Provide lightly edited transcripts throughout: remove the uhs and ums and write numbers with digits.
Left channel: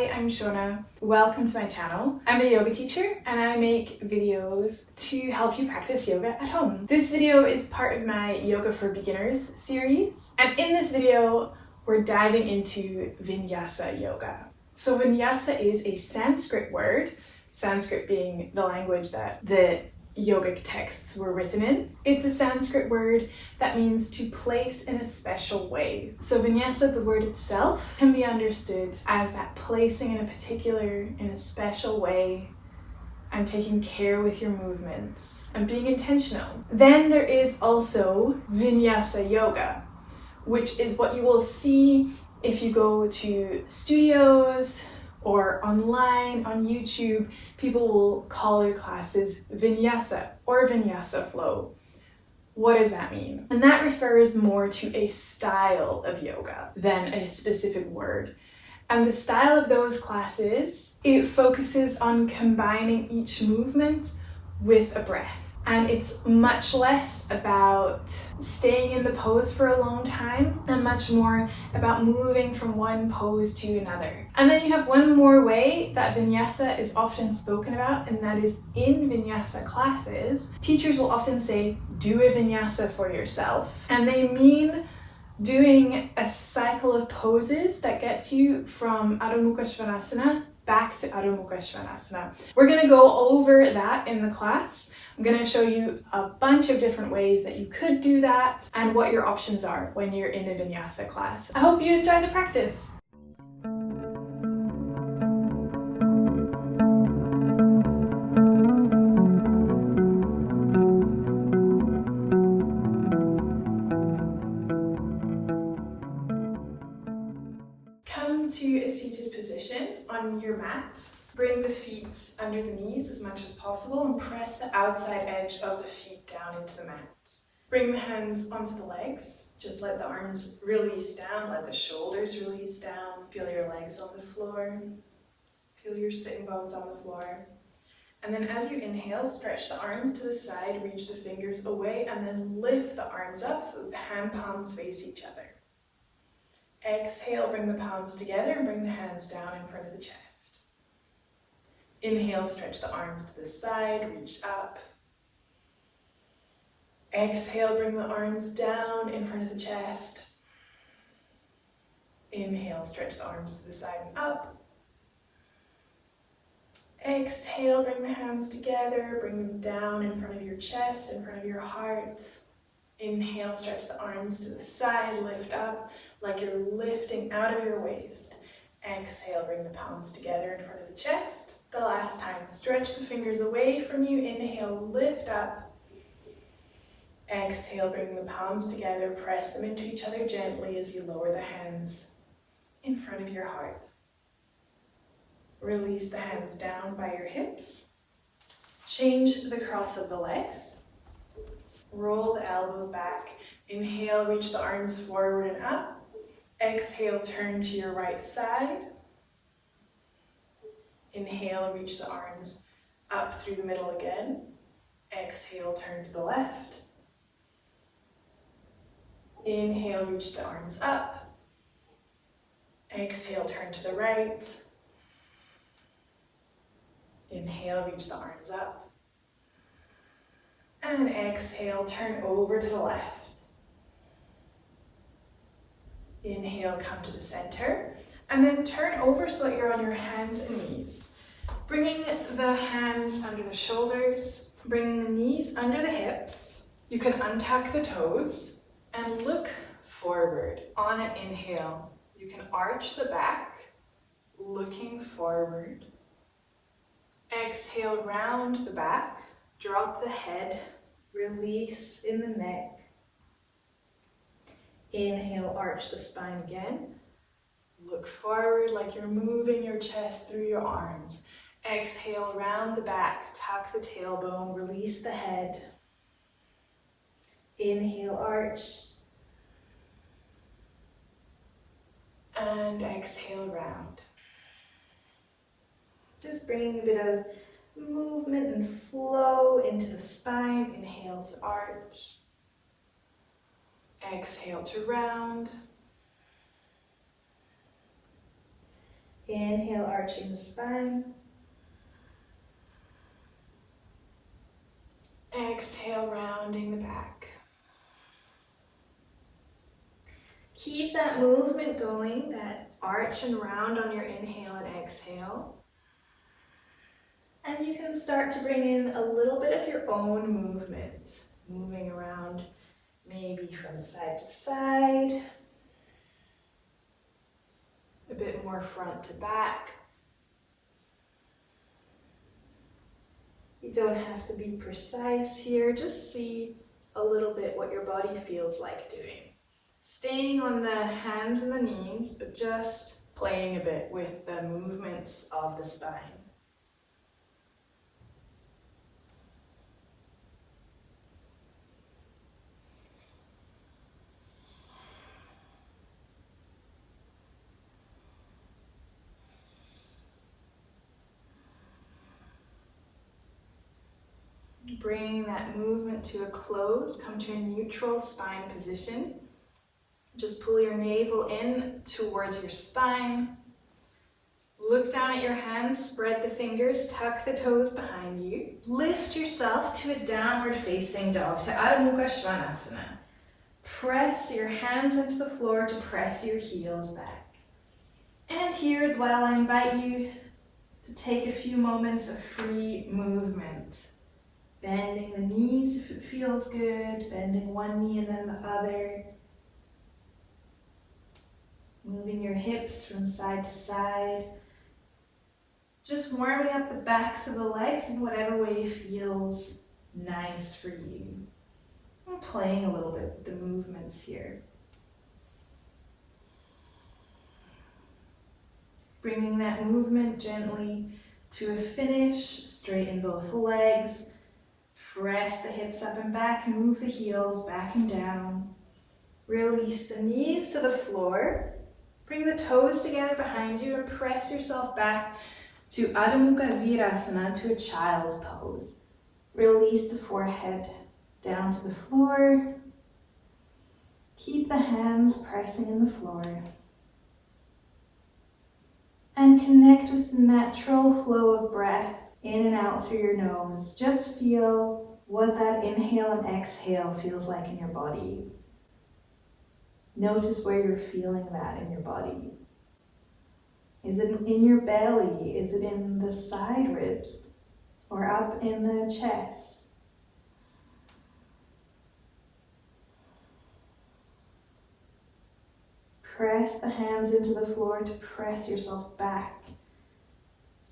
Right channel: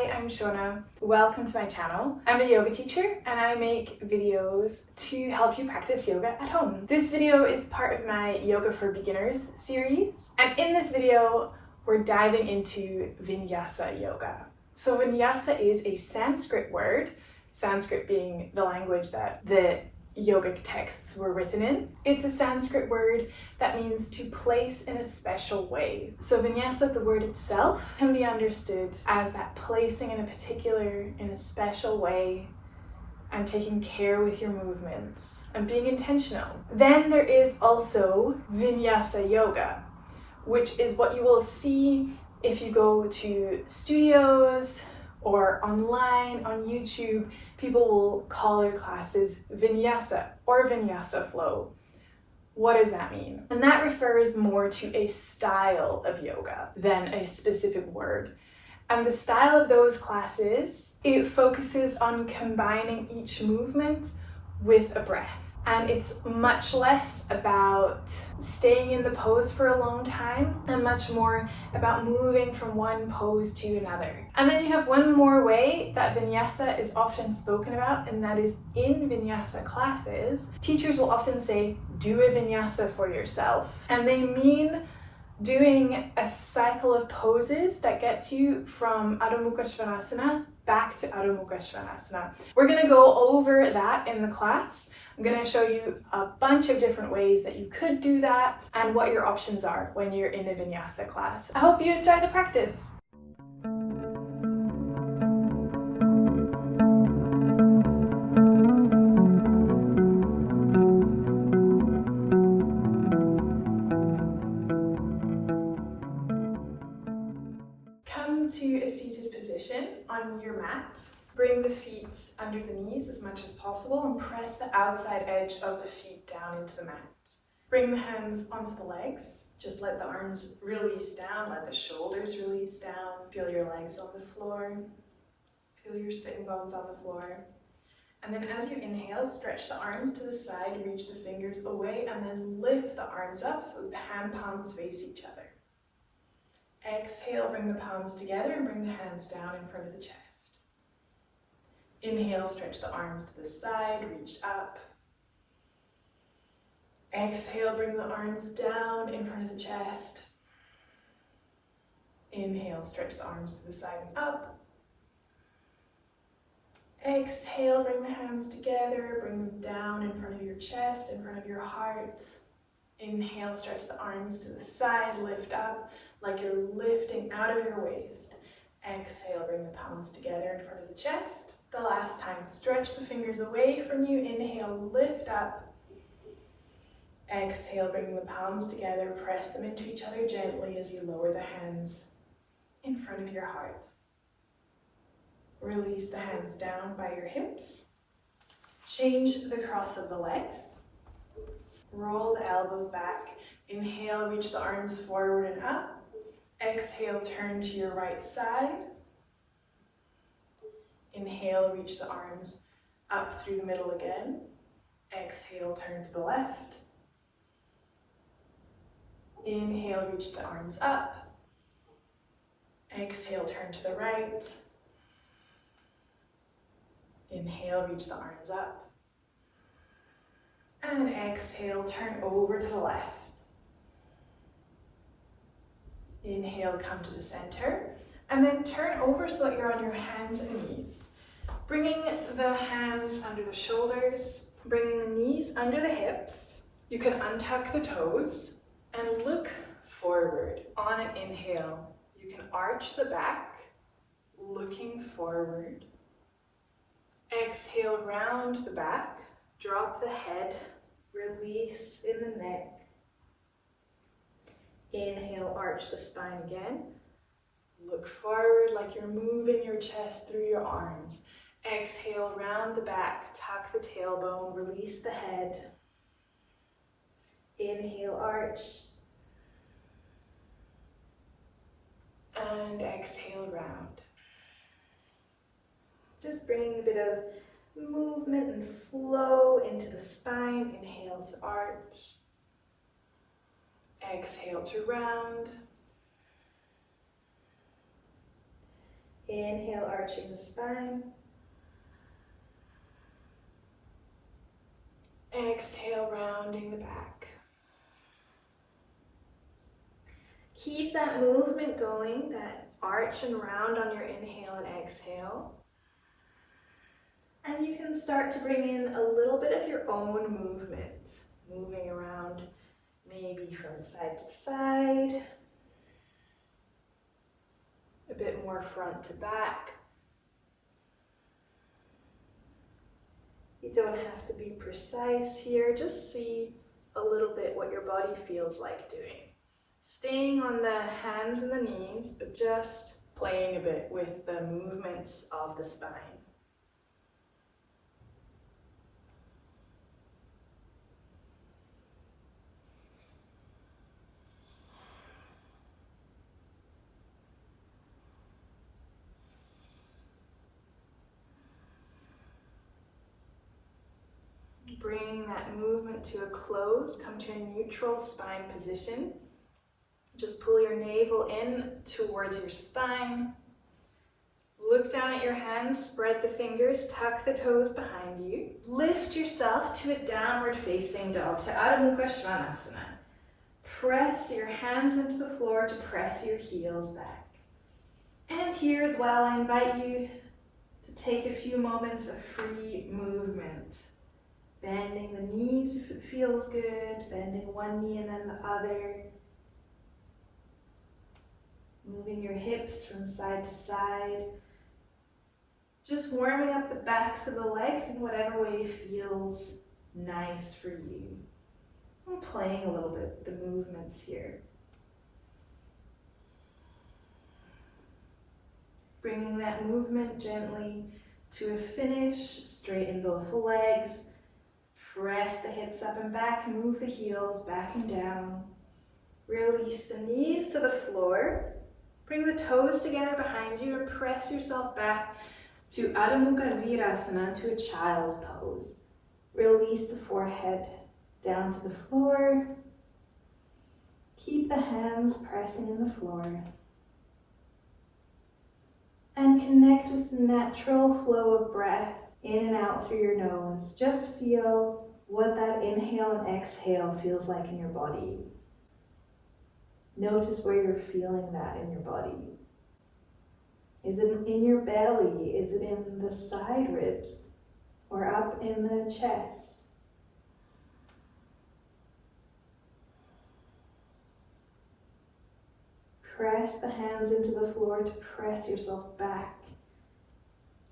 Hi, I'm Shona. Welcome to my channel. I'm a yoga teacher and I make videos to help you practice yoga at home. This video is part of my Yoga for Beginners series, and in this video we're diving into vinyasa yoga. So vinyasa is a Sanskrit word, Sanskrit being the language that the yogic texts were written in. It's a Sanskrit word that means to place in a special way. So vinyasa, the word itself, can be understood as that placing in a special way and taking care with your movements and being intentional. Then there is also vinyasa yoga, which is what you will see if you go to studios or online on YouTube. People will call their classes vinyasa or vinyasa flow. What does that mean? And that refers more to a style of yoga than a specific word. And the style of those classes, it focuses on combining each movement with a breath. And it's much less about staying in the pose for a long time and much more about moving from one pose to another. And then you have one more way that vinyasa is often spoken about, and that is in vinyasa classes. Teachers will often say, do a vinyasa for yourself. And they mean doing a cycle of poses that gets you from Adho Mukha Svanasana back to Adho Mukha Svanasana. We're going to go over that in the class. I'm going to show you a bunch of different ways that you could do that and what your options are when you're in a vinyasa class. I hope you enjoy the practice. Come to a seated position on your mat. Bring the feet under the knees as much as possible and press the outside edge of the feet down into the mat. Bring the hands onto the legs. Just let the arms release down, let the shoulders release down. Feel your legs on the floor. Feel your sitting bones on the floor. And then as you inhale, stretch the arms to the side, reach the fingers away, and then lift the arms up so that the hand palms face each other. Exhale, bring the palms together and bring the hands down in front of the chest. Inhale, stretch the arms to the side, reach up. Exhale, bring the arms down in front of the chest. Inhale, stretch the arms to the side and up. Exhale, bring the hands together, bring them down in front of your chest, in front of your heart. Inhale, stretch the arms to the side, lift up like you're lifting out of your waist. Exhale, bring the palms together in front of the chest. The last time, stretch the fingers away from you. Inhale, lift up. Exhale, bring the palms together, press them into each other gently as you lower the hands in front of your heart. Release the hands down by your hips. Change the cross of the legs. Roll the elbows back. Inhale, reach the arms forward and up. Exhale, turn to your right side. Inhale, reach the arms up through the middle again. Exhale, turn to the left. Inhale, reach the arms up. Exhale, turn to the right. Inhale, reach the arms up. And exhale, turn over to the left. Inhale, come to the center. And then turn over so that you're on your hands and knees. Bringing the hands under the shoulders, bringing the knees under the hips. You can untuck the toes and look forward. On an inhale, you can arch the back, looking forward. Exhale, round the back, drop the head, release in the neck. Inhale, arch the spine again. Look forward like you're moving your chest through your arms. Exhale, round the back, tuck the tailbone, release the head. Inhale, arch. And exhale, round. Just bringing a bit of movement and flow into the spine. Inhale to arch. Exhale to round. Inhale, arching the spine. Exhale, rounding the back. Keep that movement going, that arch and round on your inhale and exhale. And you can start to bring in a little bit of your own movement, moving around maybe from side to side, a bit more front to back. You don't have to be precise here, just see a little bit what your body feels like doing. Staying on the hands and the knees, but just Playing a bit with the movements of the spine. Bringing that movement to a close, come to a neutral spine position. Just pull your navel in towards your spine. Look down at your hands, spread the fingers, tuck the toes behind you. Lift yourself to a downward facing dog, to Adho Mukha Svanasana. Press your hands into the floor to press your heels back. And here as well, I invite you to take a few moments of free movement. Bending the knees if it feels good, bending one knee and then the other. Moving your hips from side to side. Just warming up the backs of the legs in whatever way feels nice for you. And playing a little bit with the movements here. Bringing that movement gently to a finish, straighten both legs. Press the hips up and back, move the heels back and down. Release the knees to the floor. Bring the toes together behind you and press yourself back to Adho Mukha Virasana, to a child's pose. Release the forehead down to the floor. Keep the hands pressing in the floor. And connect with the natural flow of breath in and out through your nose. Just feel what that inhale and exhale feels like in your body. Notice where you're feeling that in your body. Is it in your belly? Is it in the side ribs? Or up in the chest? Press the hands into the floor to press yourself back.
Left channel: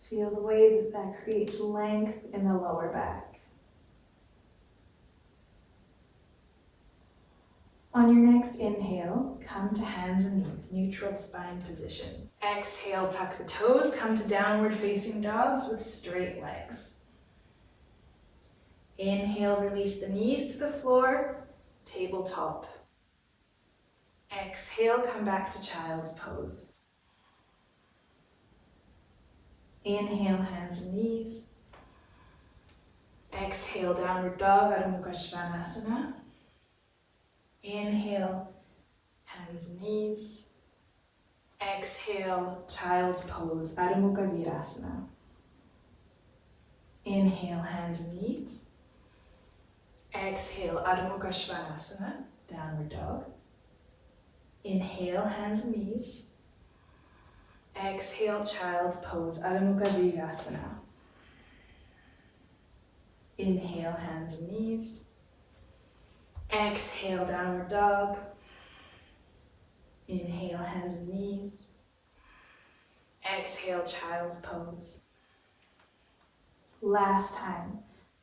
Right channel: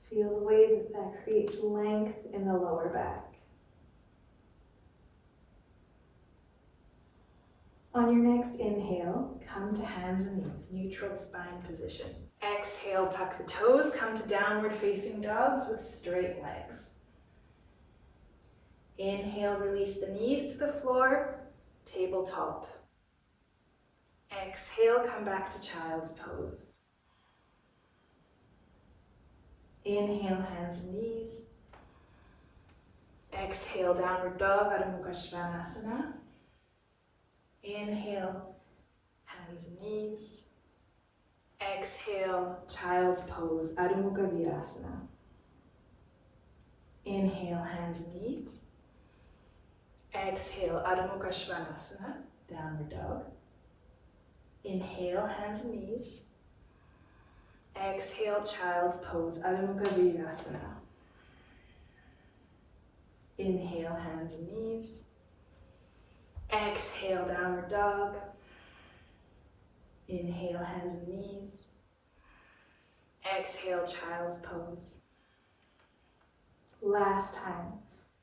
Feel the way that that creates length in the lower back. On your next inhale, come to hands and knees, neutral spine position. Exhale, tuck the toes, come to downward facing dogs with straight legs. Inhale, release the knees to the floor, tabletop. Exhale, come back to child's pose. Inhale, hands and knees. Exhale, downward dog, Adho Mukha Svanasana. Inhale, hands and knees. Exhale, child's pose, Adho Mukha Virasana. Inhale, hands and knees. Exhale, Adho Mukha Svanasana, downward dog. Inhale, hands and knees. Exhale, child's pose, Adho Mukha Virasana. Inhale, hands and knees. Exhale, downward dog. Inhale, hands and knees. Exhale, child's pose. Last time.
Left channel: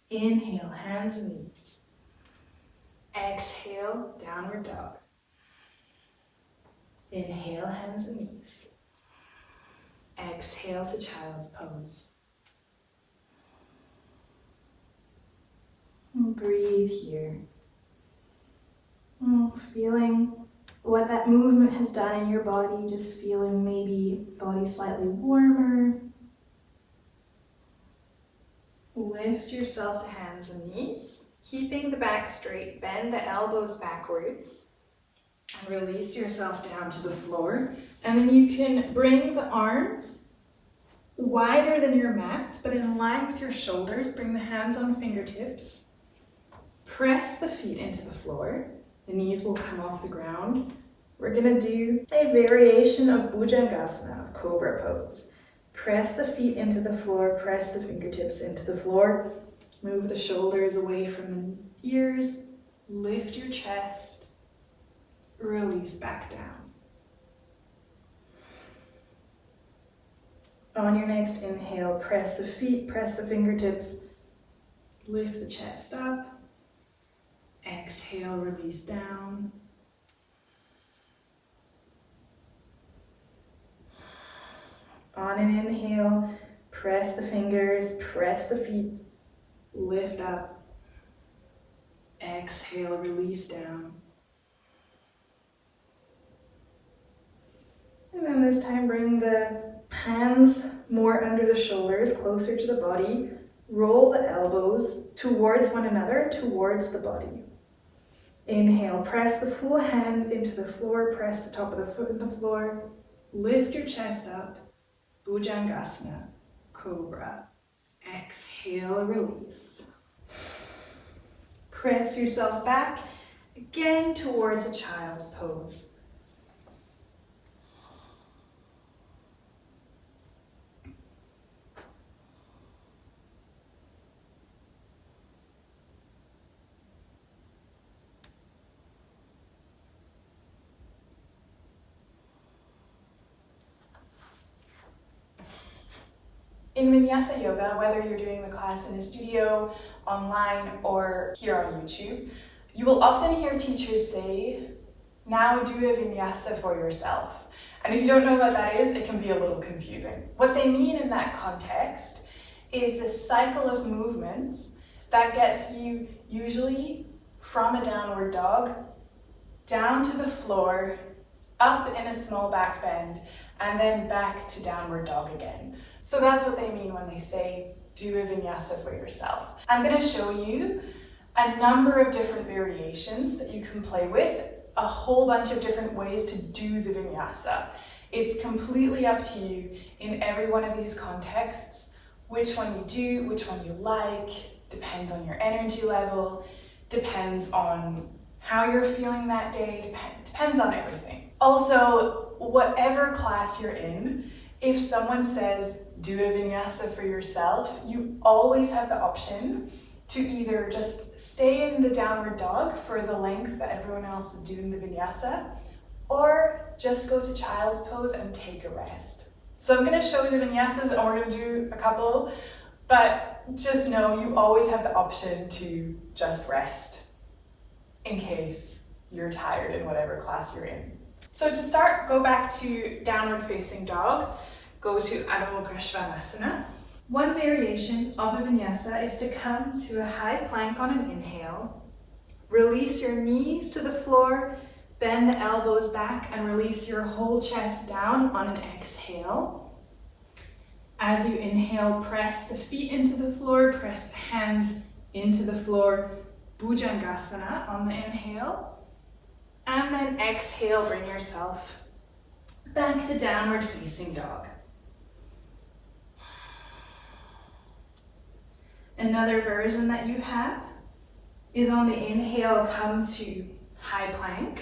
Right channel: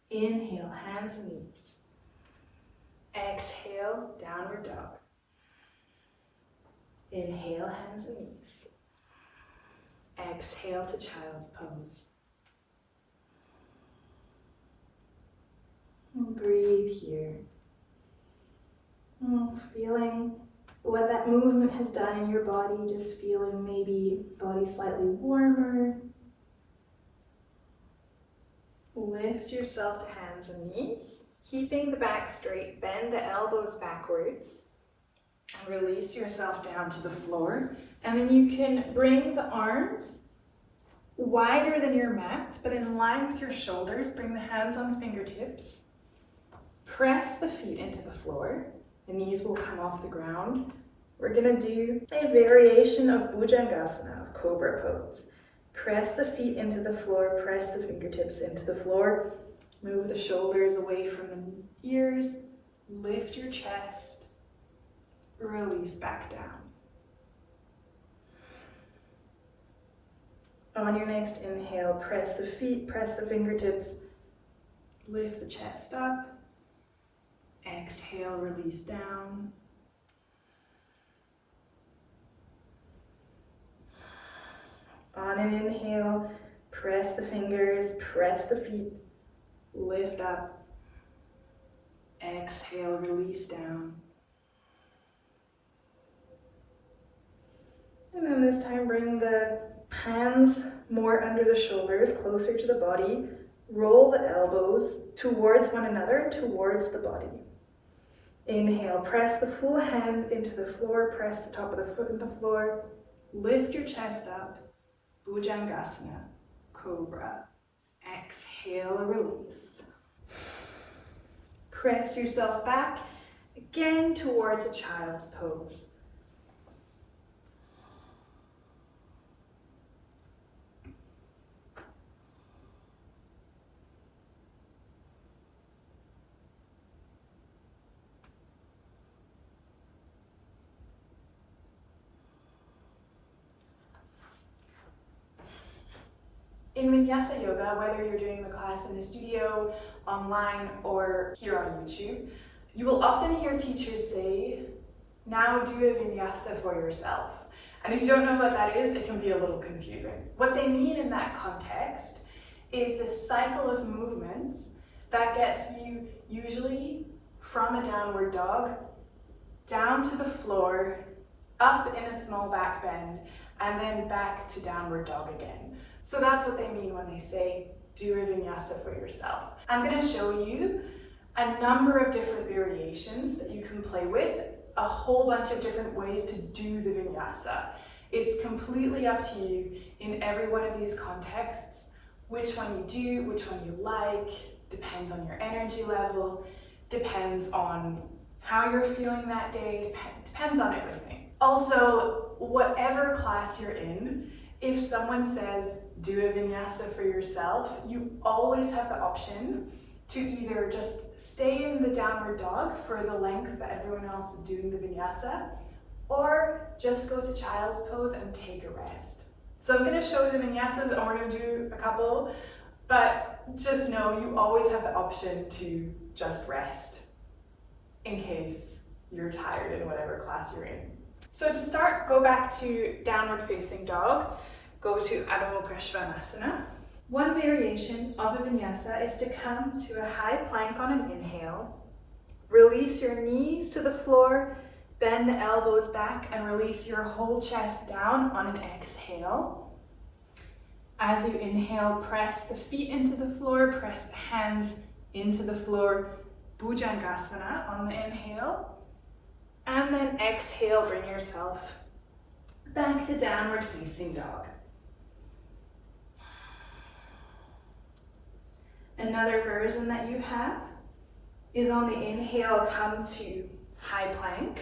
Inhale, hands and knees. Exhale, downward dog. Inhale, hands and knees. Exhale to child's pose. And breathe here. Feeling what that movement has done in your body, just feeling maybe body slightly warmer. Lift yourself to hands and knees, keeping the back straight, bend the elbows backwards, and release yourself down to the floor. And then you can bring the arms wider than your mat, but in line with your shoulders. Bring the hands on fingertips. Press the feet into the floor. The knees will come off the ground. We're gonna do a variation of Bhujangasana, of Cobra pose. Press the feet into the floor, press the fingertips into the floor. Move the shoulders away from the ears. Lift your chest. Release back down. On your next inhale, press the feet, press the fingertips. Lift the chest up. Exhale, release down. On an inhale, press the fingers, press the feet, lift up. Exhale, release down. And then this time bring the hands more under the shoulders, closer to the body. Roll the elbows towards one another, towards the body. Inhale, press the full hand into the floor, press the top of the foot into the floor. Lift your chest up. Bhujangasana, Cobra. Exhale, release. Press yourself back again towards a child's pose. In Vinyasa Yoga, whether you're doing the class in a studio, online, or here on YouTube, you will often hear teachers say, now do a vinyasa for yourself. And if you don't know what that is, it can be a little confusing. What they mean in that context is the cycle of movements that gets you usually from a downward dog, down to the floor, up in a small back bend, and then back to downward dog again. So that's what they mean when they say, do a vinyasa for yourself. I'm going to show you a number of different variations that you can play with, a whole bunch of different ways to do the vinyasa. It's completely up to you in every one of these contexts, which one you do, which one you like, depends on your energy level, depends on how you're feeling that day, depends on everything. Also, whatever class you're in, if someone says, do a vinyasa for yourself, you always have the option to either just stay in the downward dog for the length that everyone else is doing the vinyasa, or just go to child's pose and take a rest. So I'm going to show you the vinyasas and we're going to do a couple, but just know you always have the option to just rest in case you're tired in whatever class you're in. So to start, go back to downward facing dog. Go to Adho Mukha Svanasana. One variation of a vinyasa is to come to a high plank on an inhale. Release your knees to the floor, bend the elbows back, and release your whole chest down on an exhale. As you inhale, press the feet into the floor, press the hands into the floor, Bhujangasana on the inhale. And then exhale, bring yourself back to downward facing dog. Another version that you have is on the inhale, come to high plank.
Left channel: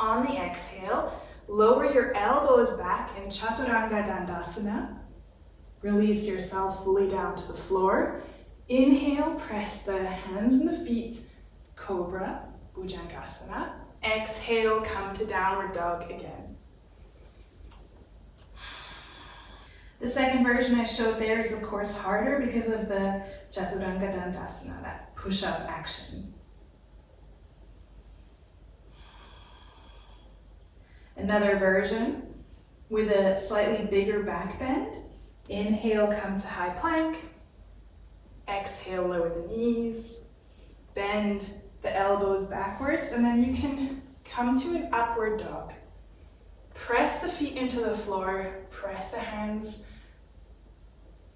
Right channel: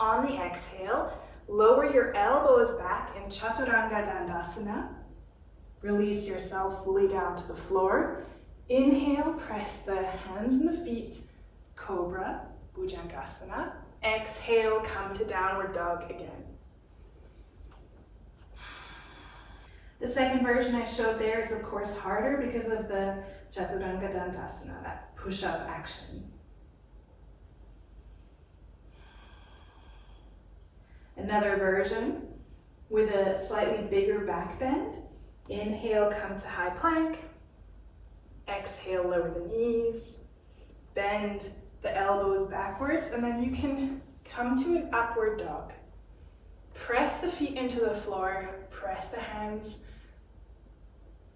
On the exhale, lower your elbows back in Chaturanga Dandasana. Release yourself fully down to the floor. Inhale, press the hands and the feet, Cobra, Bhujangasana. Exhale, come to downward dog again. The second version I showed there is of course harder because of the Chaturanga Dandasana, that push-up action. Another version with a slightly bigger back bend. Inhale, come to high plank. Exhale, lower the knees. Bend the elbows backwards, and then you can come to an upward dog. Press the feet into the floor, press the hands,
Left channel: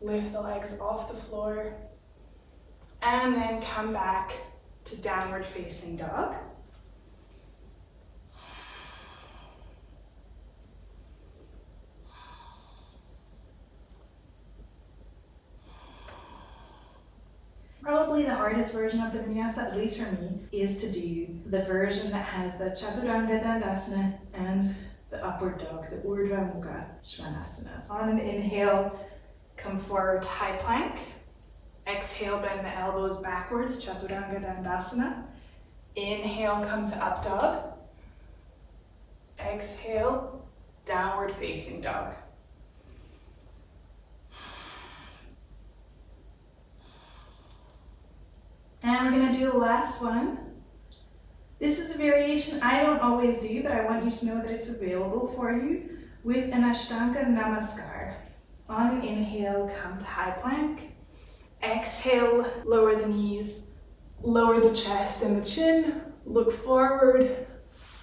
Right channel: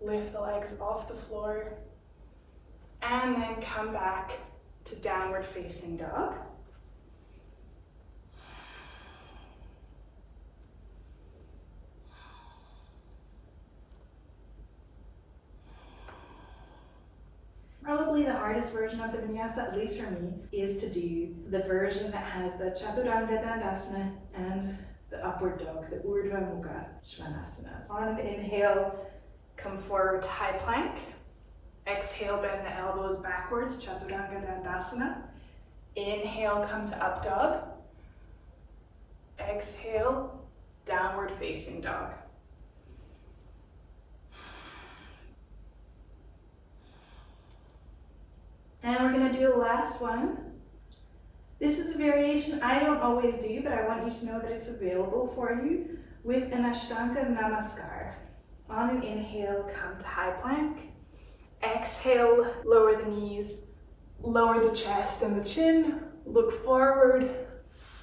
lift the legs off the floor, and then come back to downward facing dog. Probably the hardest version of the vinyasa, at least for me, is to do the version that has the chaturanga dandasana and the upward dog, the urdhva mukha svanasana. On an inhale, come forward to high plank. Exhale, bend the elbows backwards, chaturanga dandasana. Inhale, come to up dog. Exhale, downward facing dog. And we're going to do the last one. This is a variation I don't always do, but I want you to know that it's available for you with an Ashtanga Namaskar. On an inhale, come to high plank. Exhale, lower the knees, lower the chest and the chin, look forward,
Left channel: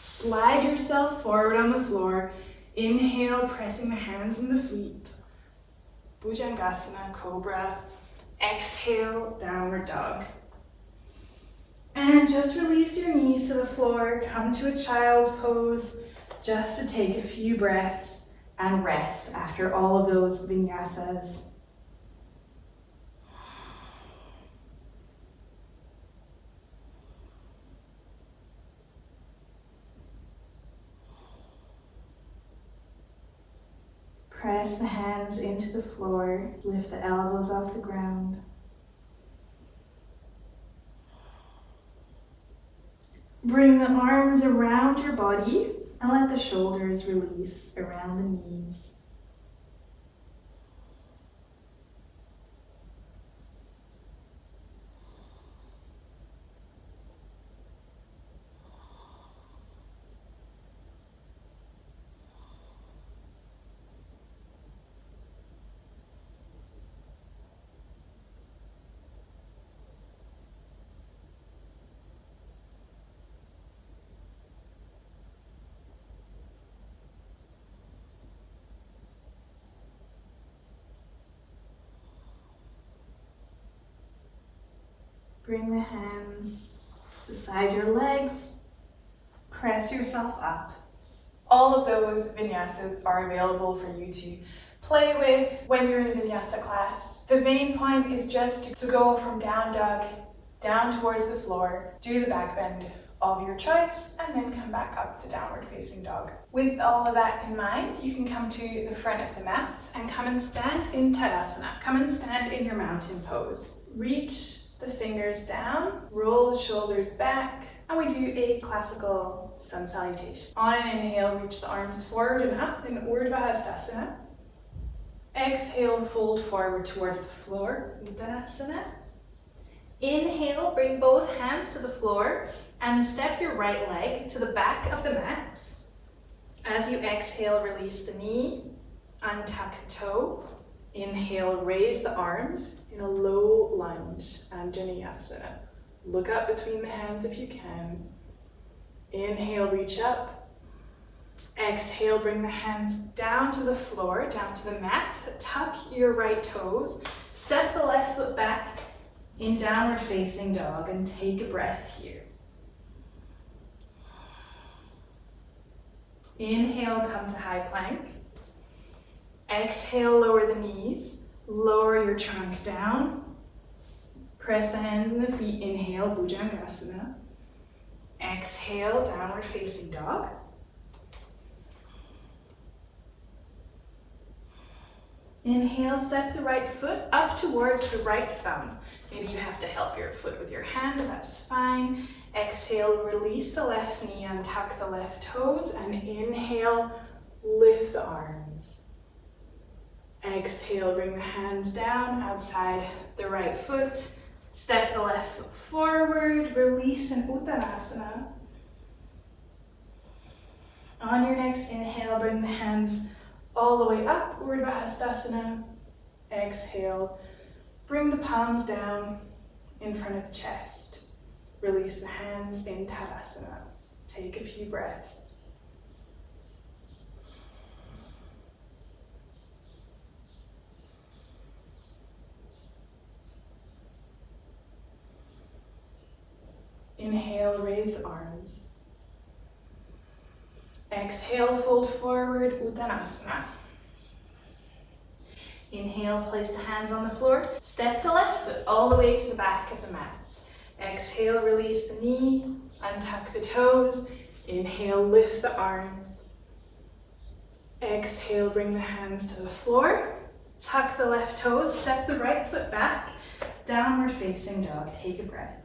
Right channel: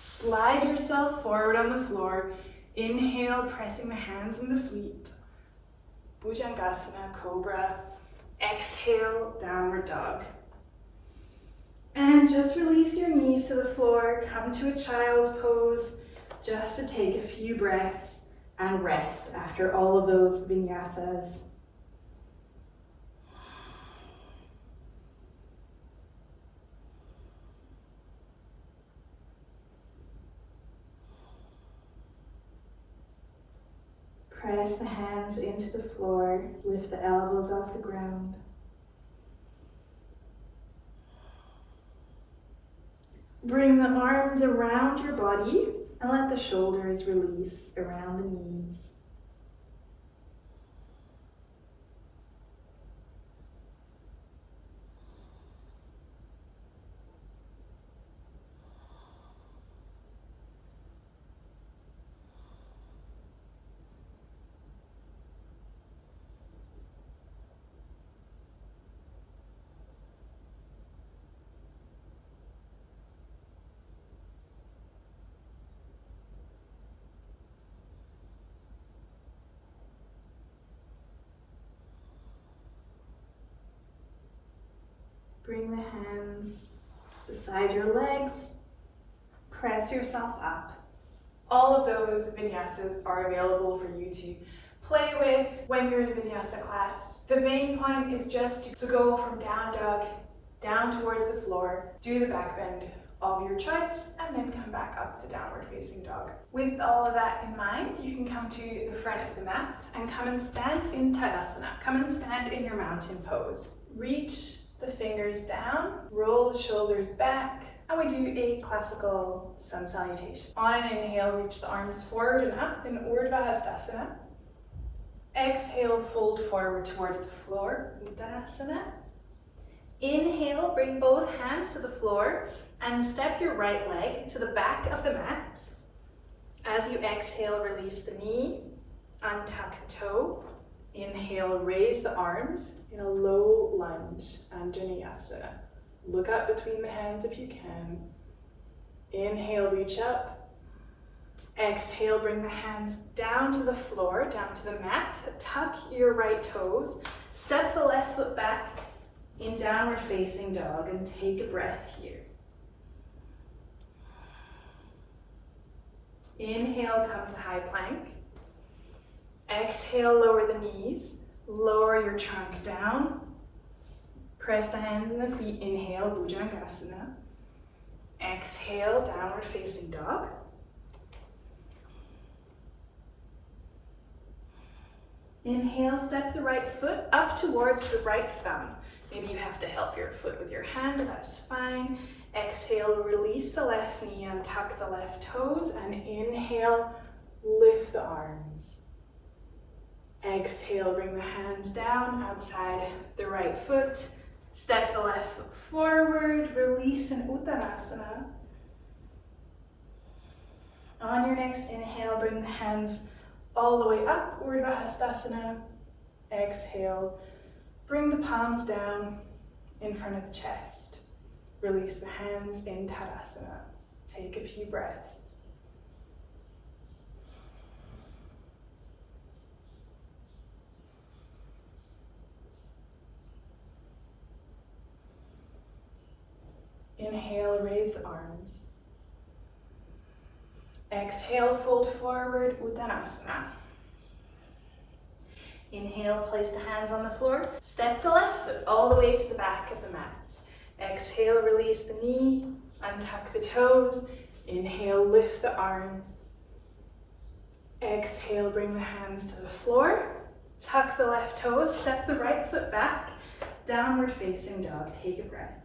slide yourself forward on the floor. Inhale, pressing the hands and the feet. Bhujangasana, cobra. Exhale, downward dog. And just release your knees to the floor, come to a child's pose, just to take a few breaths and rest after all of those vinyasas. Press the hands into the floor, lift the elbows off the ground. Bring the arms around your body and let the shoulders release around the knees. Bring the hands beside your legs. Press yourself up. All of those vinyasas are available for you to play with when you're in a vinyasa class. The main point is just to go from down dog, down towards the floor, do the back bend of your choice, and then come back up to downward facing dog. With all of that in mind, you can come to the front of the mat and come and stand in Tadasana. Come and stand in your mountain pose. Reach the fingers down, roll the shoulders back, and we do a classical sun salutation. On an inhale, reach the arms forward and up in Urdhva Hastasana. Exhale, fold forward towards the floor, Uttanasana. Inhale, bring both hands to the floor and step your right leg to the back of the mat. As you exhale, release the knee, untuck the toe. Inhale, raise the arms in a low lunge, Anjaneyasana. Look up between the hands if you can. Inhale, reach up. Exhale, bring the hands down to the floor, down to the mat. Tuck your right toes. Step the left foot back in downward facing dog and take a breath here. Inhale, come to high plank. Exhale, lower the knees. Lower your trunk down. Press the hands and the feet. Inhale, Bhujangasana. Exhale, downward facing dog. Inhale, step the right foot up towards the right thumb. Maybe you have to help your foot with your hand, that's fine. Exhale, release the left knee and tuck the left toes, and inhale, lift the arms. Exhale, bring the hands down outside the right foot. Step the left foot forward, release in Uttanasana. On your next inhale, bring the hands all the way up, Urdhva Hastasana. Exhale, bring the palms down in front of the chest. Release the hands in Tadasana. Take a few breaths. Inhale, raise the arms. Exhale, fold forward, Uttanasana. Inhale, place the hands on the floor. Step the left foot all the way to the back of the mat. Exhale, release the knee, untuck the toes. Inhale, lift the arms. Exhale, bring the hands to the floor. Tuck the left toes, step the right foot back. Downward facing dog, take a breath.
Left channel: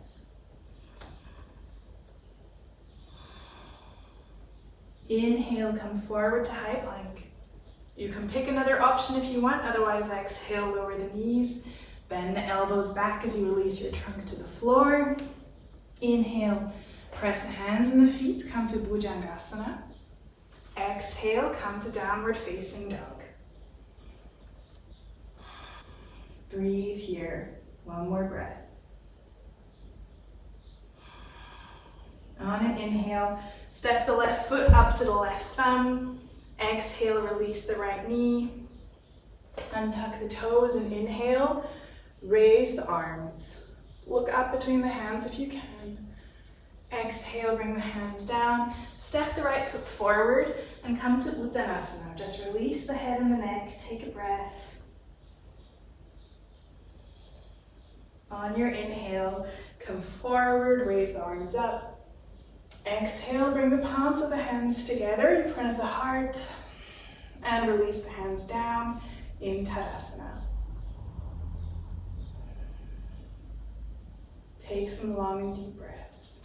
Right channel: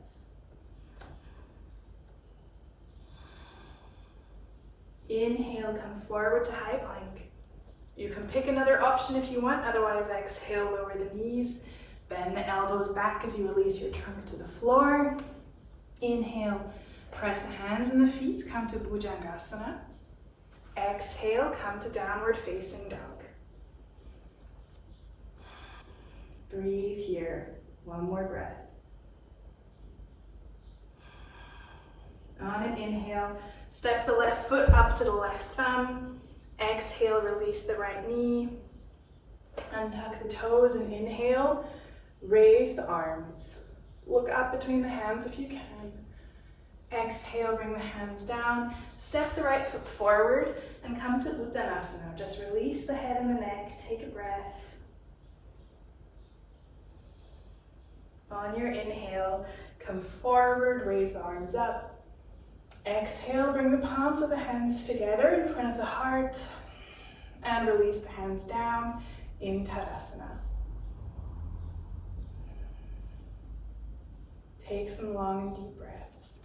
Inhale, come forward to high plank. You can pick another option if you want, otherwise exhale, lower the knees. Bend the elbows back as you release your trunk to the floor. Inhale, press the hands and the feet, come to Bhujangasana. Exhale, come to downward facing dog. Breathe here. One more breath. On an inhale, step the left foot up to the left thumb. Exhale, release the right knee. Untuck the toes and inhale. Raise the arms. Look up between the hands if you can. Exhale, bring the hands down. Step the right foot forward and come to Uttanasana. Just release the head and the neck. Take a breath. On your inhale, come forward, raise the arms up. Exhale, bring the palms of the hands together in front of the heart and release the hands down in Tadasana. Take some long and deep breaths.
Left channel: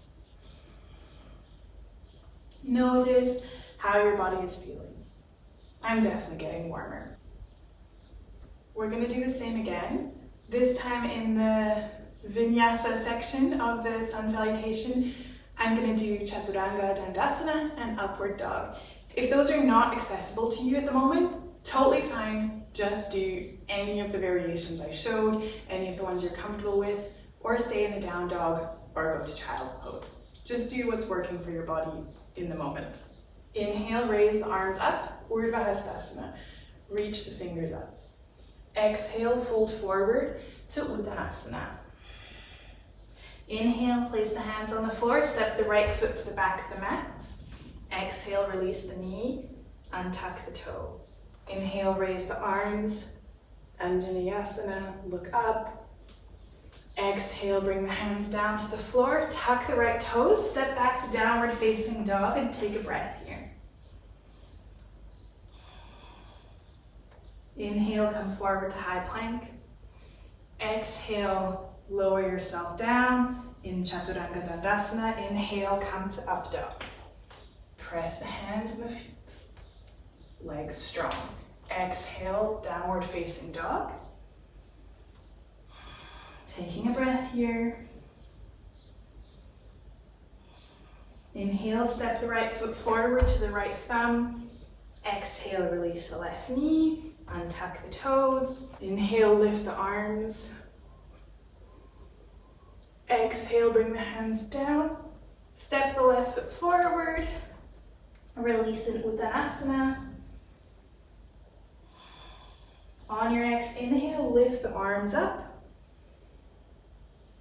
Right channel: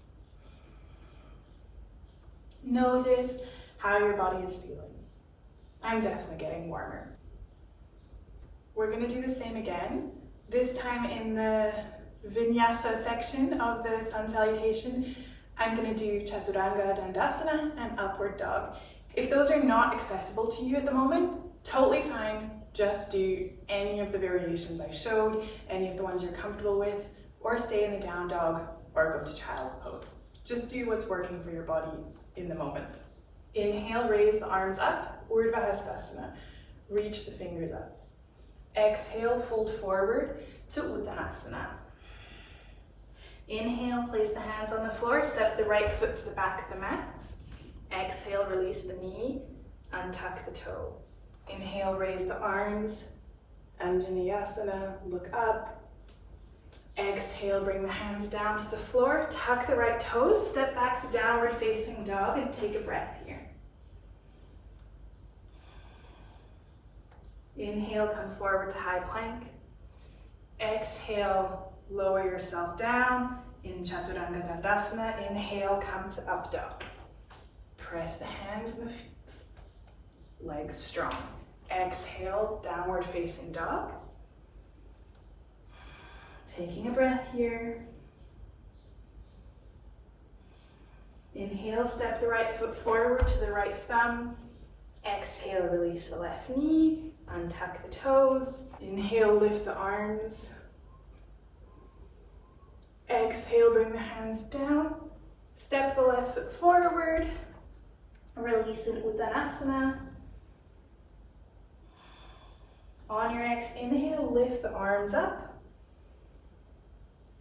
Notice how your body is feeling. I'm definitely getting warmer. We're going to do the same again. This time in the vinyasa section of the sun salutation, I'm going to do chaturanga dandasana and upward dog. If those are not accessible to you at the moment, totally fine. Just do any of the variations I showed, any of the ones you're comfortable with, or stay in the down dog or go to child's pose. Just do what's working for your body in the moment. Inhale, raise the arms up, Urdhva Hastasana. Reach the fingers up. Exhale, fold forward to Uttanasana. Inhale, place the hands on the floor, step the right foot to the back of the mat. Exhale, release the knee, untuck the toe. Inhale, raise the arms, Anjaneyasana, look up. Exhale, bring the hands down to the floor, tuck the right toes, step back to downward facing dog and take a breath here. Inhale, come forward to high plank. Exhale, lower yourself down in Chaturanga Dandasana. Inhale, come to up dog. Press the hands and the feet. Legs strong. Exhale, downward facing dog. Taking a breath here. Inhale, step the right foot forward to the right thumb. Exhale, release the left knee. Untuck the toes. Inhale, lift the arms. Exhale, bring the hands down. Step the left foot forward. Release in Uttanasana. On your next inhale, lift the arms up.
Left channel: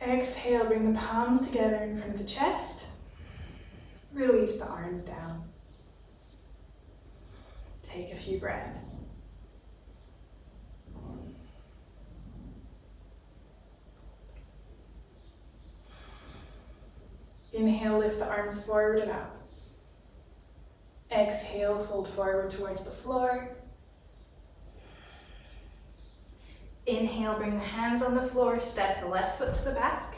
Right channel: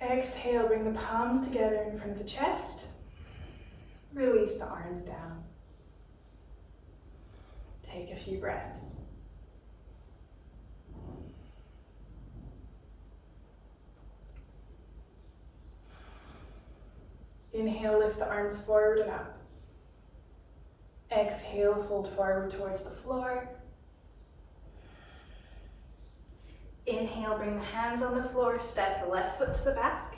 Exhale, bring the palms together in front of the chest. Release the arms down. Take a few breaths. Inhale, lift the arms forward and up. Exhale, fold forward towards the floor. Inhale, bring the hands on the floor, step the left foot to the back.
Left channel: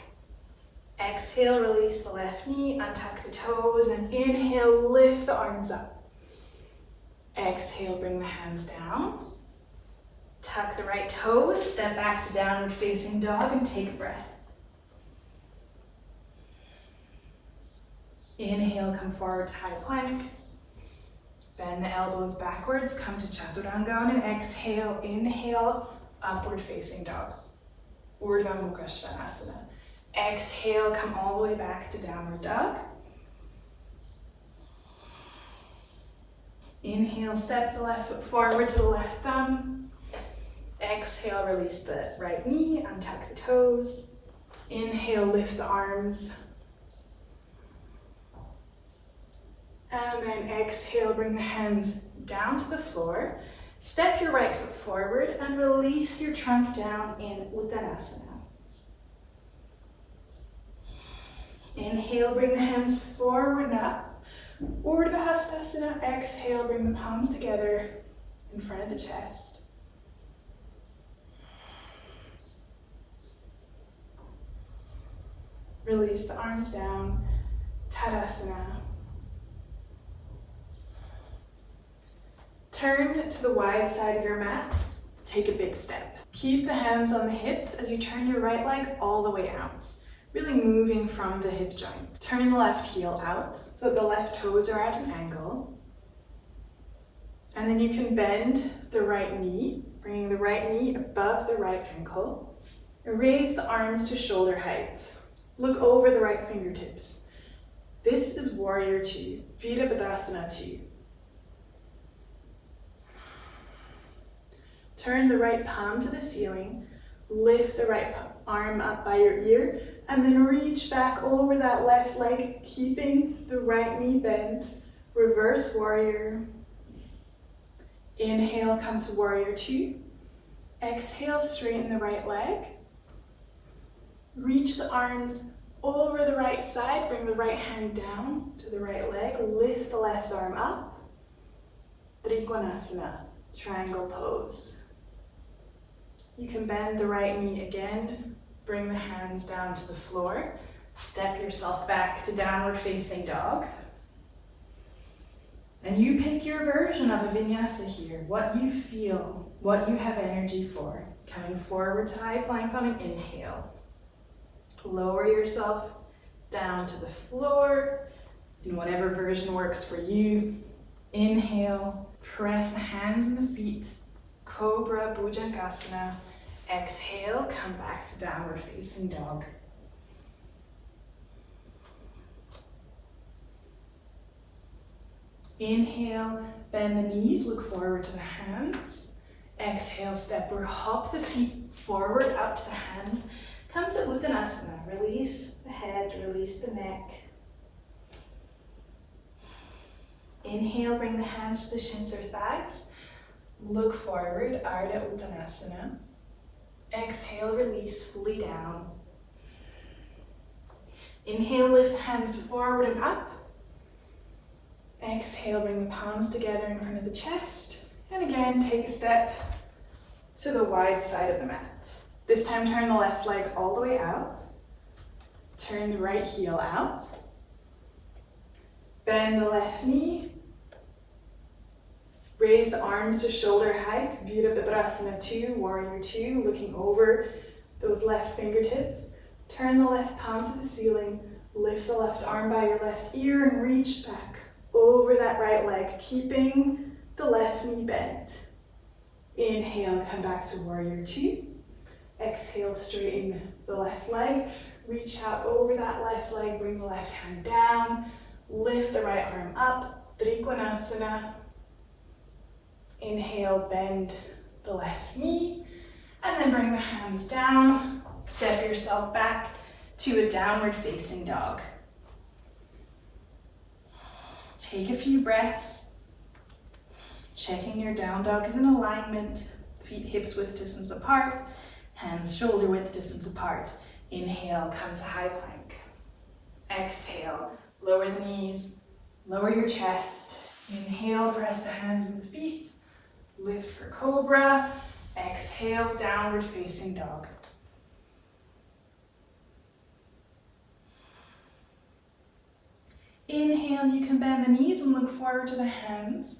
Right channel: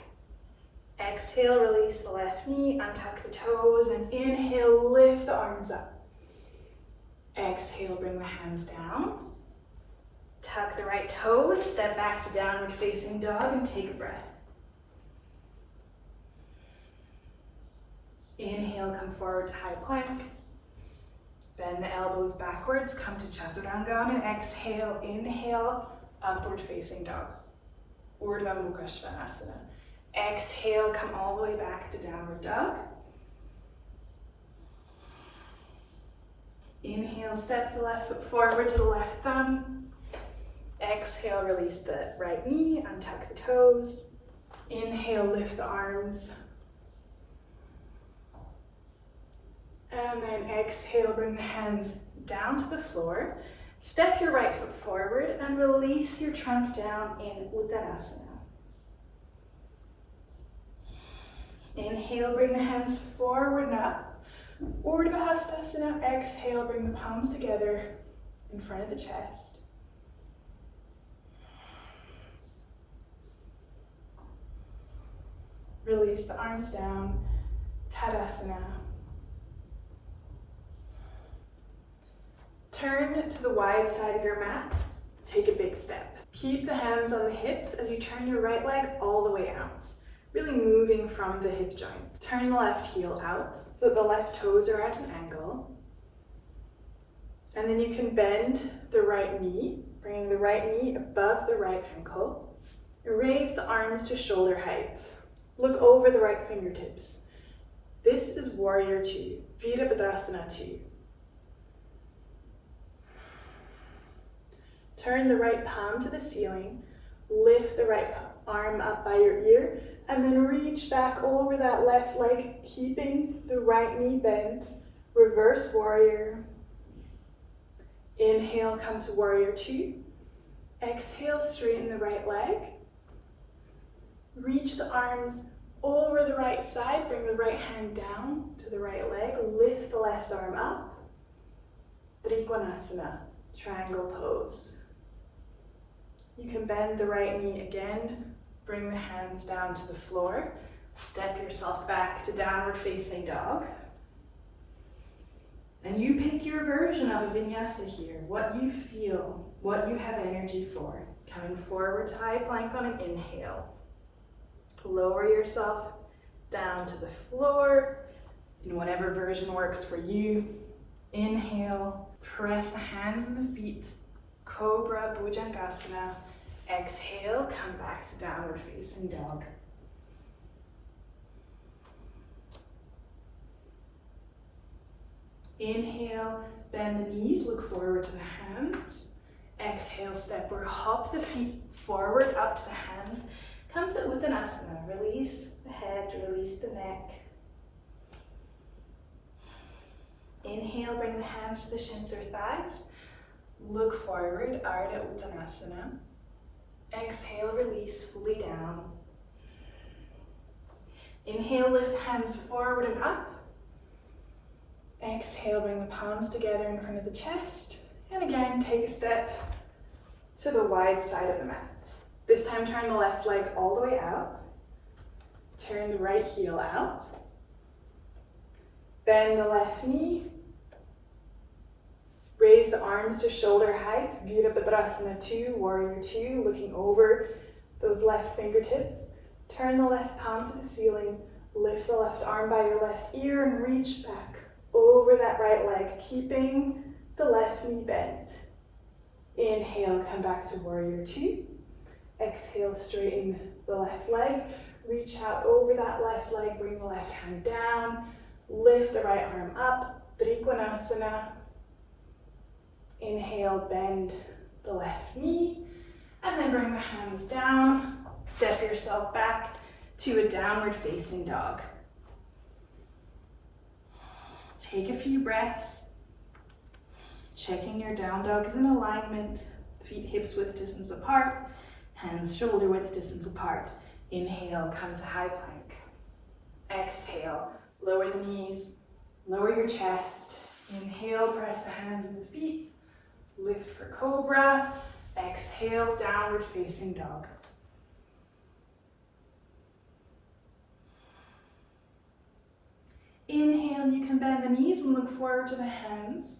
Exhale, release the left knee, untuck the toes, and inhale, lift the arms up. Exhale, bring the hands down. Tuck the right toes, step back to downward facing dog and take a breath. Inhale, come forward to high plank. Bend the elbows backwards, come to Chaturanga on an exhale. Inhale, upward facing dog. Urdhva Mukha Svanasana. Exhale, come all the way back to downward dog. Inhale, step the left foot forward to the left thumb. Exhale, release the right knee, untuck the toes. Inhale, lift the arms. And then exhale, bring the hands down to the floor. Step your right foot forward and release your trunk down in Uttanasana. Inhale, bring the hands forward and up. Urdhva Hastasana. Exhale, bring the palms together in front of the chest. Release the arms down. Tadasana. Turn to the wide side of your mat. Take a big step. Keep the hands on the hips as you turn your right leg all the way out. Really moving from the hip joint. Turn the left heel out so that the left toes are at an angle. And then you can bend the right knee, bringing the right knee above the right ankle. Raise the arms to shoulder height. Look over the right fingertips. This is Warrior 2, Virabhadrasana 2. Turn the right palm to the ceiling, lift the right arm up by your ear, and then reach back over that left leg, keeping the right knee bent. Reverse Warrior. Inhale, come to Warrior 2. Exhale, straighten the right leg. Reach the arms over the right side, bring the right hand down to the right leg, lift the left arm up. Trikonasana, triangle pose. You can bend the right knee again, bring the hands down to the floor, step yourself back to downward facing dog. And you pick your version of a vinyasa here, what you feel, what you have energy for. Coming forward to high plank on an inhale. Lower yourself down to the floor in whatever version works for you. Inhale, press the hands and the feet. Cobra, Bhujangasana. Exhale, come back to downward facing dog. Inhale, bend the knees, look forward to the hands. Exhale, step or hop the feet forward up to the hands. Come to Uttanasana. Release the head, release the neck. Inhale, bring the hands to the shins or thighs. Look forward, Ardha Uttanasana. Exhale, release fully down. Inhale, lift the hands forward and up. Exhale, bring the palms together in front of the chest. And again, take a step to the wide side of the mat. This time, turn the left leg all the way out. Turn the right heel out. Bend the left knee. Raise the arms to shoulder height. Virabhadrasana 2, Warrior 2, looking over those left fingertips. Turn the left palm to the ceiling. Lift the left arm by your left ear and reach back over that right leg, keeping the left knee bent. Inhale, come back to Warrior 2. Exhale, straighten the left leg. Reach out over that left leg, bring the left hand down. Lift the right arm up, Trikonasana. Inhale, bend the left knee. And then bring the hands down. Step yourself back to a downward facing dog. Take a few breaths. Checking your down dog is in alignment. Feet hips width distance apart. Hands shoulder width distance apart. Inhale, come to high plank. Exhale, lower the knees, lower your chest. Inhale, press the hands and the feet. Lift for cobra. Exhale, downward facing dog. Inhale, you can bend the knees and look forward to the hands.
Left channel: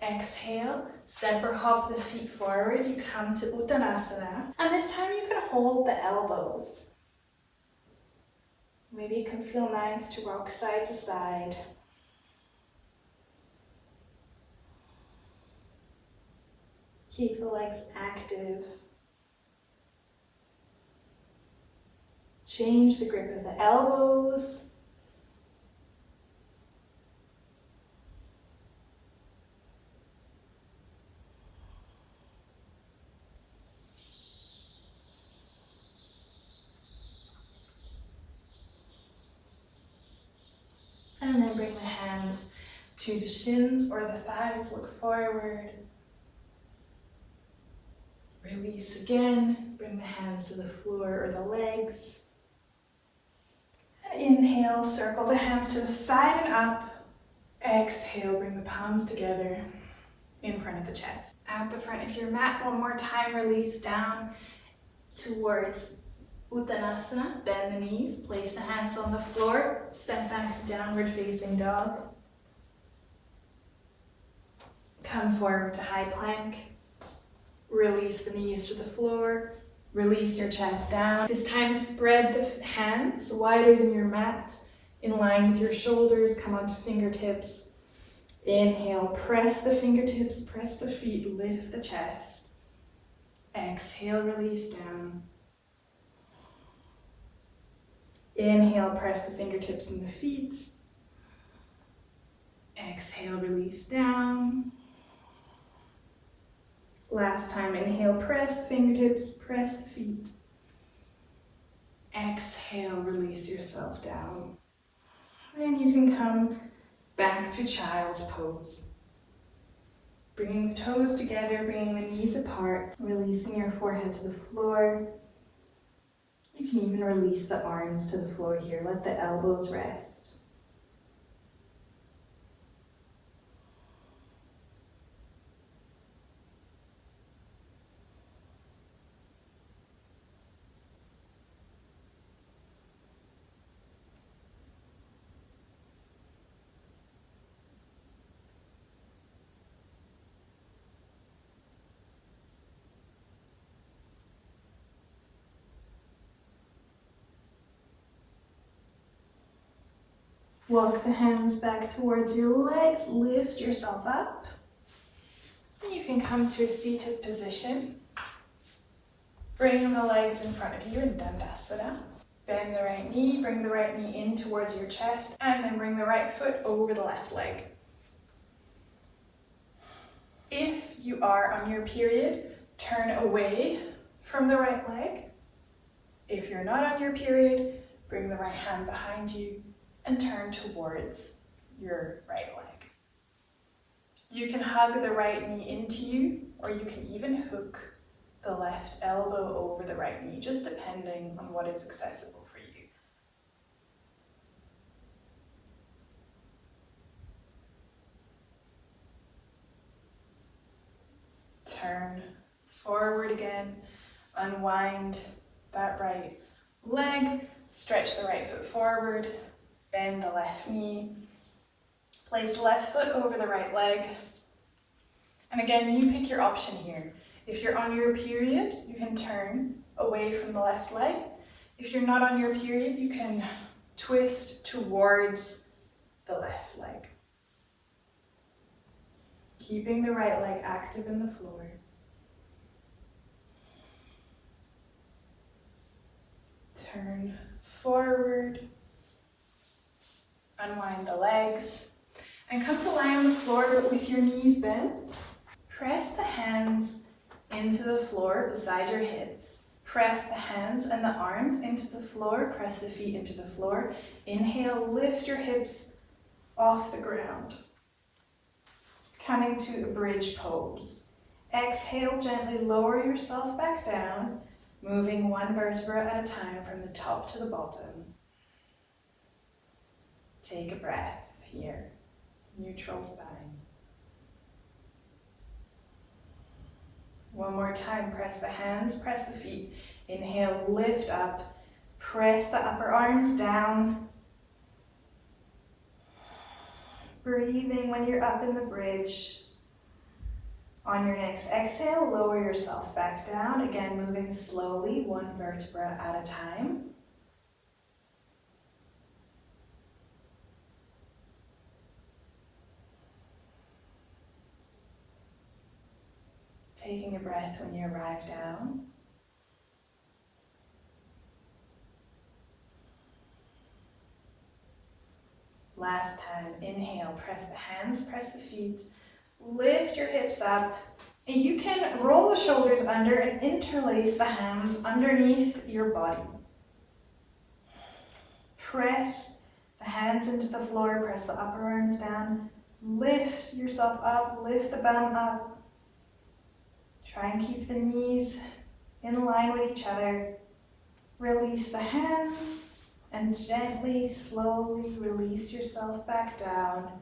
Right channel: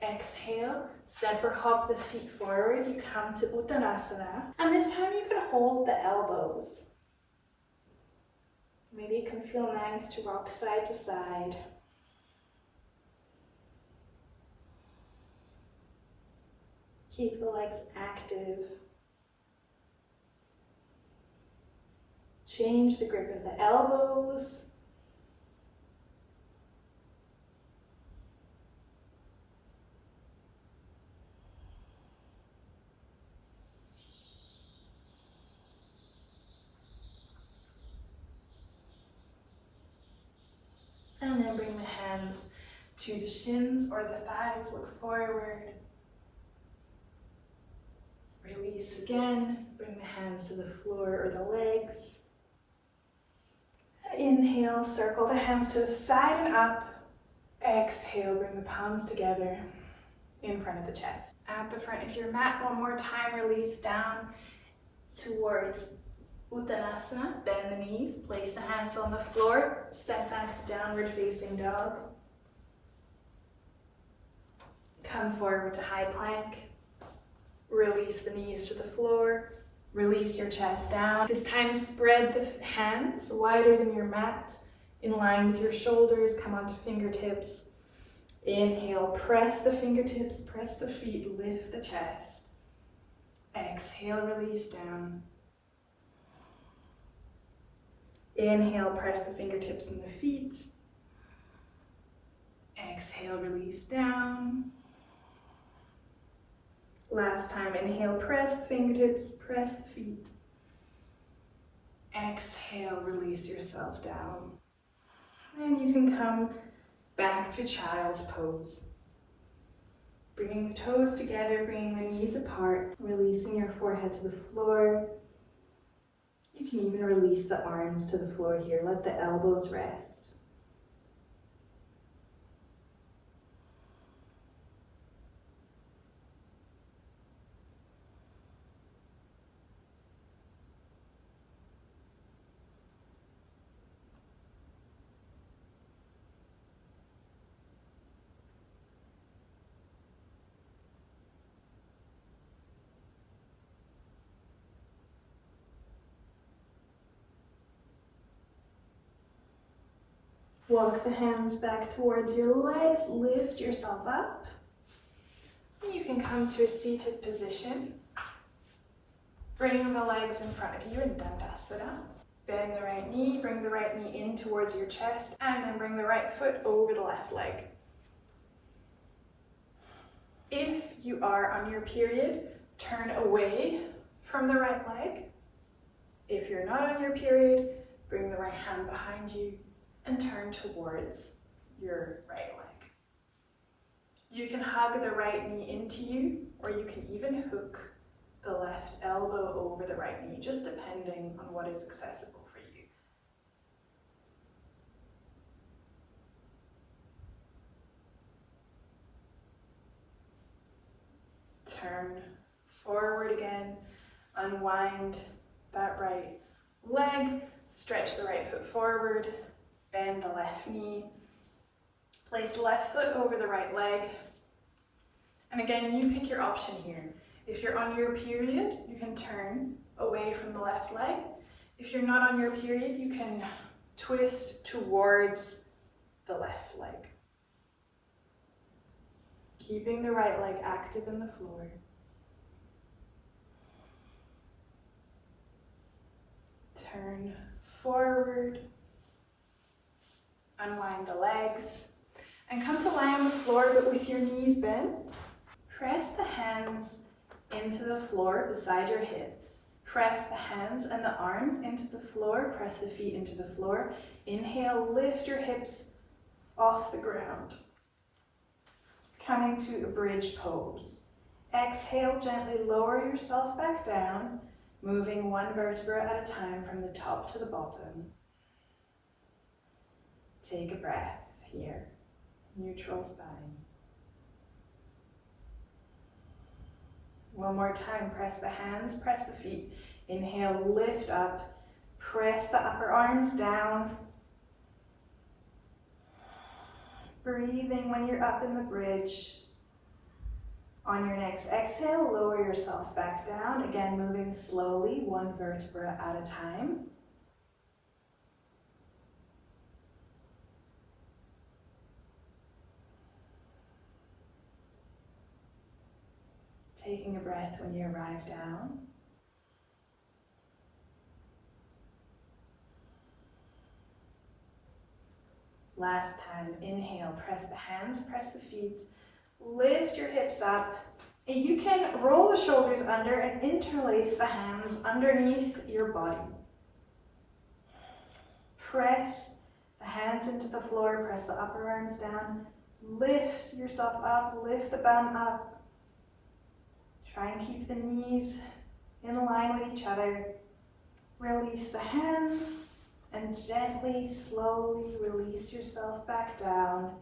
Exhale, step or hop the feet forward. You come to Uttanasana. And this time you can hold the elbows. Maybe it can feel nice to rock side to side. Keep the legs active. Change the grip of the elbows. And then bring the hands to the shins or the thighs, look forward. Release again, bring the hands to the floor or the legs. And inhale, circle the hands to the side and up. Exhale, bring the palms together in front of the chest. At the front of your mat, one more time, release down towards Uttanasana. Bend the knees, place the hands on the floor, step back to downward facing dog. Come forward to high plank. Release the knees to the floor. Release your chest down. This time spread the hands wider than your mat, in line with your shoulders. Come onto fingertips. Inhale, press the fingertips, press the feet, lift the chest. Exhale, release down. Inhale, press the fingertips and the feet. Exhale, release down. Last time, inhale, press the fingertips, press the feet. Exhale, release yourself down. And you can come back to child's pose. Bringing the toes together, bringing the knees apart, releasing your forehead to the floor. You can even release the arms to the floor here. Let the elbows rest. Walk the hands back towards your legs, lift yourself up. You can come to a seated position. Bring the legs in front of you in Dandasana. Bend the right knee, bring the right knee in towards your chest, and then bring the right foot over the left leg. If you are on your period, turn away from the right leg. If you're not on your period, bring the right hand behind you and turn towards your right leg. You can hug the right knee into you, or you can even hook the left elbow over the right knee, just depending on what is accessible for you. Turn forward again, unwind that right leg, stretch the right foot forward, bend the left knee, place the left foot over the right leg. And again, you pick your option here. If you're on your period, you can turn away from the left leg. If you're not on your period, you can twist towards the left leg. Keeping the right leg active in the floor. Turn forward. Unwind the legs. And come to lie on the floor, but with your knees bent. Press the hands into the floor beside your hips. Press the hands and the arms into the floor. Press the feet into the floor. Inhale, lift your hips off the ground. Coming to a bridge pose. Exhale, gently lower yourself back down, moving one vertebra at a time from the top to the bottom. Take a breath here. Neutral spine. One more time, press the hands, press the feet. Inhale, lift up, press the upper arms down. Breathing when you're up in the bridge. On your next exhale, lower yourself back down. Again, moving slowly, one vertebra at a time. Taking a breath when you arrive down. Last time, inhale, press the hands, press the feet, lift your hips up. And you can roll the shoulders under and interlace the hands underneath your body. Press the hands into the floor, press the upper arms down, lift yourself up, lift the bum up. Try and keep the knees in line with each other. Release the hands and gently, slowly release yourself back down,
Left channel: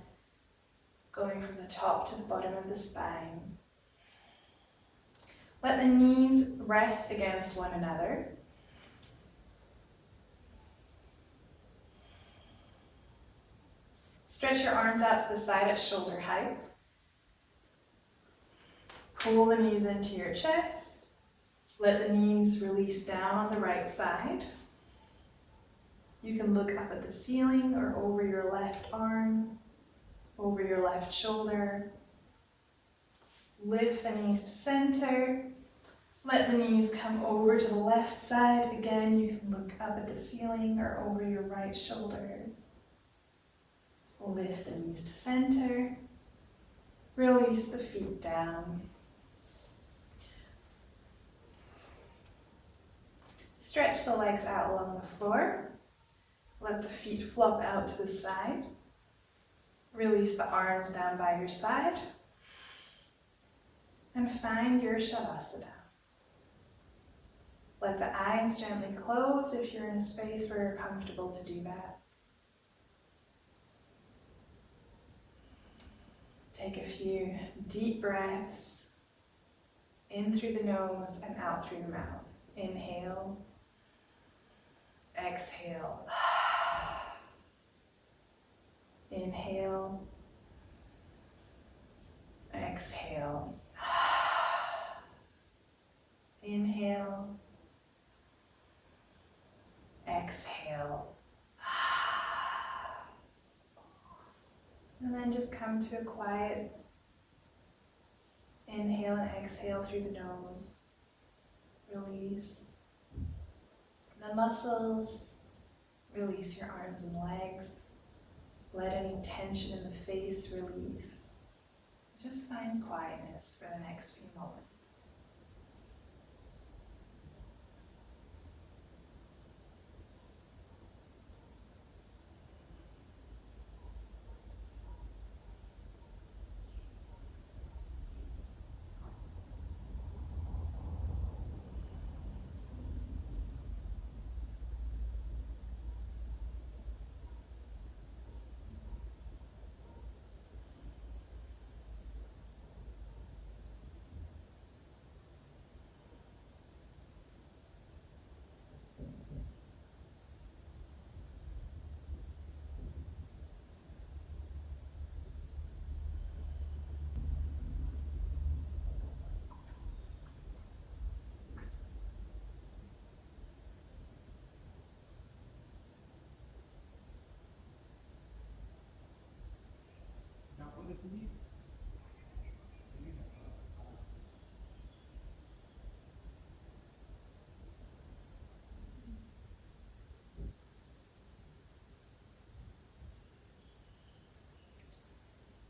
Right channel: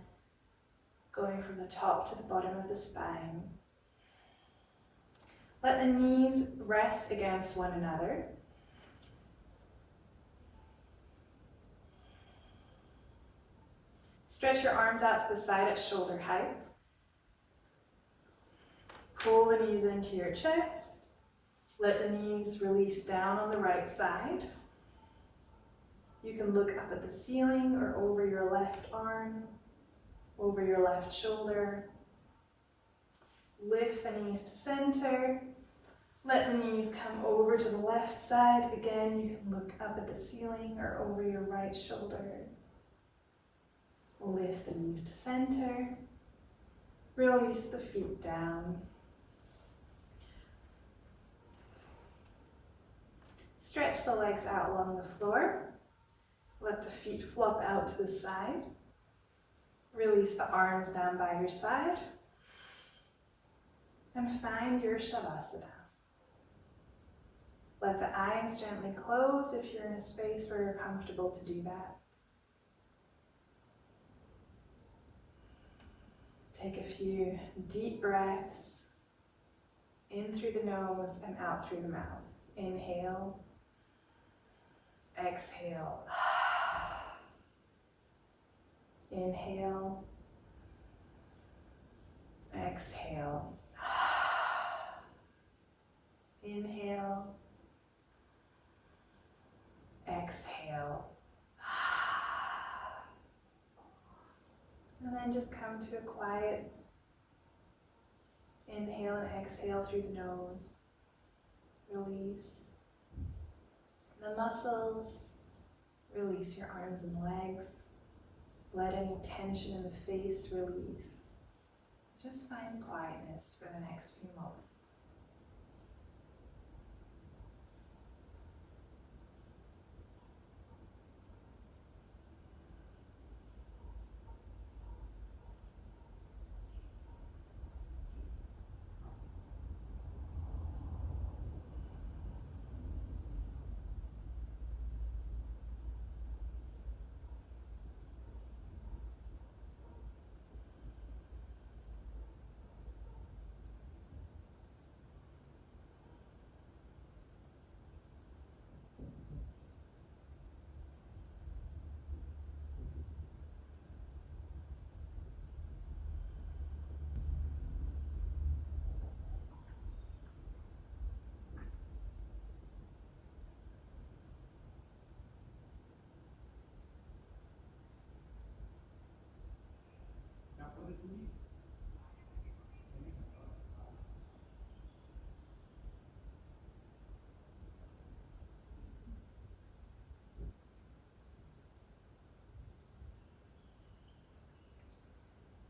going from the top to the bottom of the spine. Let the knees rest against one another. Stretch your arms out to the side at shoulder height. Pull the knees into your chest. Let the knees release down on the right side. You can look up at the ceiling or over your left arm, over your left shoulder. Lift the knees to center. Let the knees come over to the left side. Again, you can look up at the ceiling or over your right shoulder. Lift the knees to center. Release the feet down. Stretch the legs out along the floor. Let the feet flop out to the side. Release the arms down by your side. And find your Shavasana. Let the eyes gently close if you're in a space where you're comfortable to do that. Take a few deep breaths in through the nose and out through the mouth. Inhale, exhale. Inhale, exhale. Inhale, exhale. And then just come to a quiet inhale and exhale through the nose. Release the muscles. Release your arms and legs. Let any tension in the face release. Just find quietness for the next few moments.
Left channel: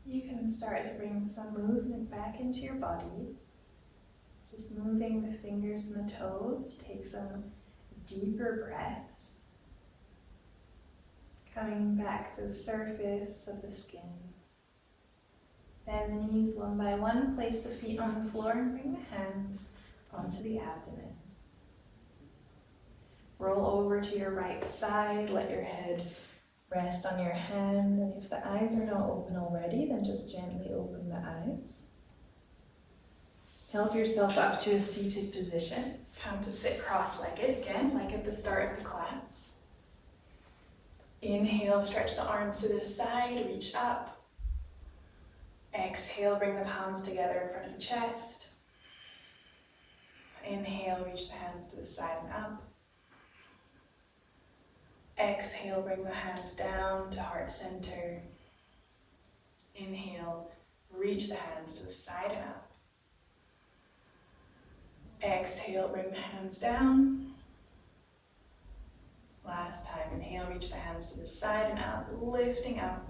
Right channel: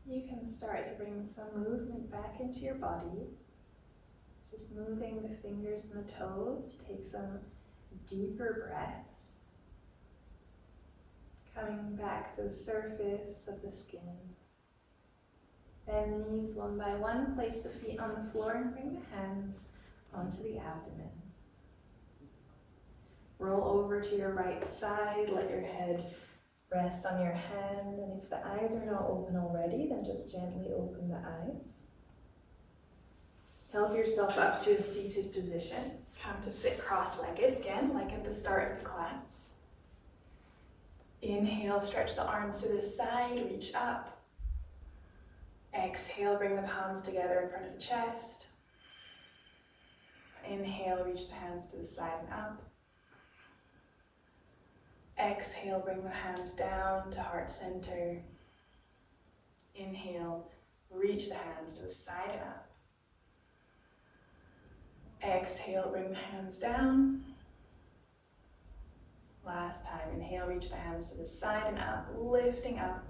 You can start to bring some movement back into your body. Just moving the fingers and the toes. Take some deeper breaths. Coming back to the surface of the skin. Bend the knees one by one. Place the feet on the floor and bring the hands onto the abdomen. Roll over to your right side. Let your head rest on your hand, and if the eyes are not open already, then just gently open the eyes. Help yourself up to a seated position. Come to sit cross-legged again, like at the start of the class. Inhale, stretch the arms to the side, reach up. Exhale, bring the palms together in front of the chest. Inhale, reach the hands to the side and up. Exhale, bring the hands down to heart center. Inhale, reach the hands to the side and up. Exhale, bring the hands down. Last time, inhale, reach the hands to the side and up, lifting up.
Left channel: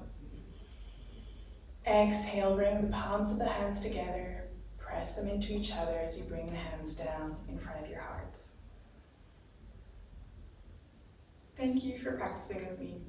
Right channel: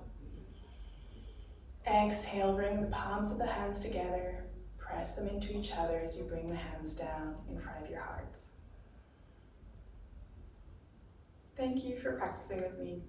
Exhale, bring the palms of the hands together. Press them into each other as you bring the hands down in front of your heart. Thank you for practicing with me.